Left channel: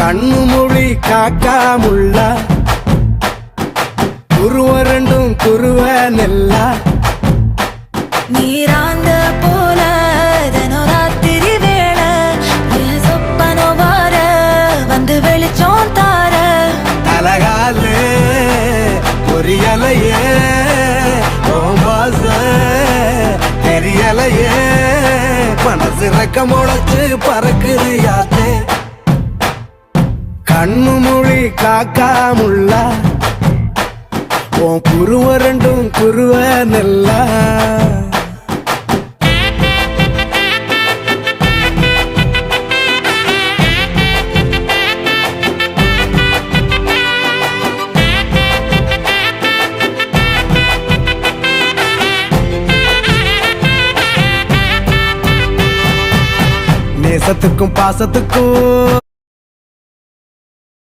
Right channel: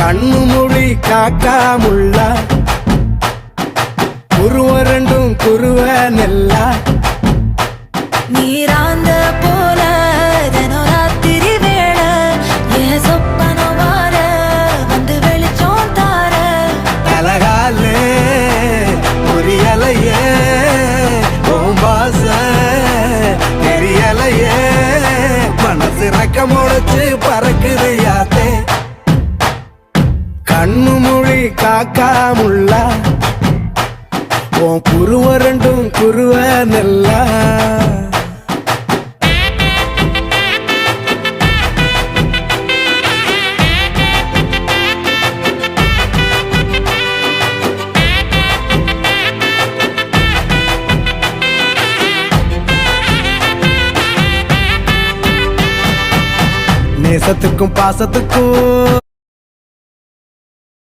கண்ணு மொழி காக்காமுள்ள குருவ ரெண்டும் குருவ நெல்லா நீராங்க போல தினராத்திரி வேண என் சொப்பனம் மாற வந்து வெளிச்சம் தார தலகாலே பொரியலையே ஓம்பாச தெரியலையே மனசு ரக்க முளைச்சு பறக்குறையாத்தே கண்ணு மொழி காக்காமுள்ள உன் குருவ ரெண்டும் குருவ நெல்லா நேசத்துக்கும் பாசத்துக்கும்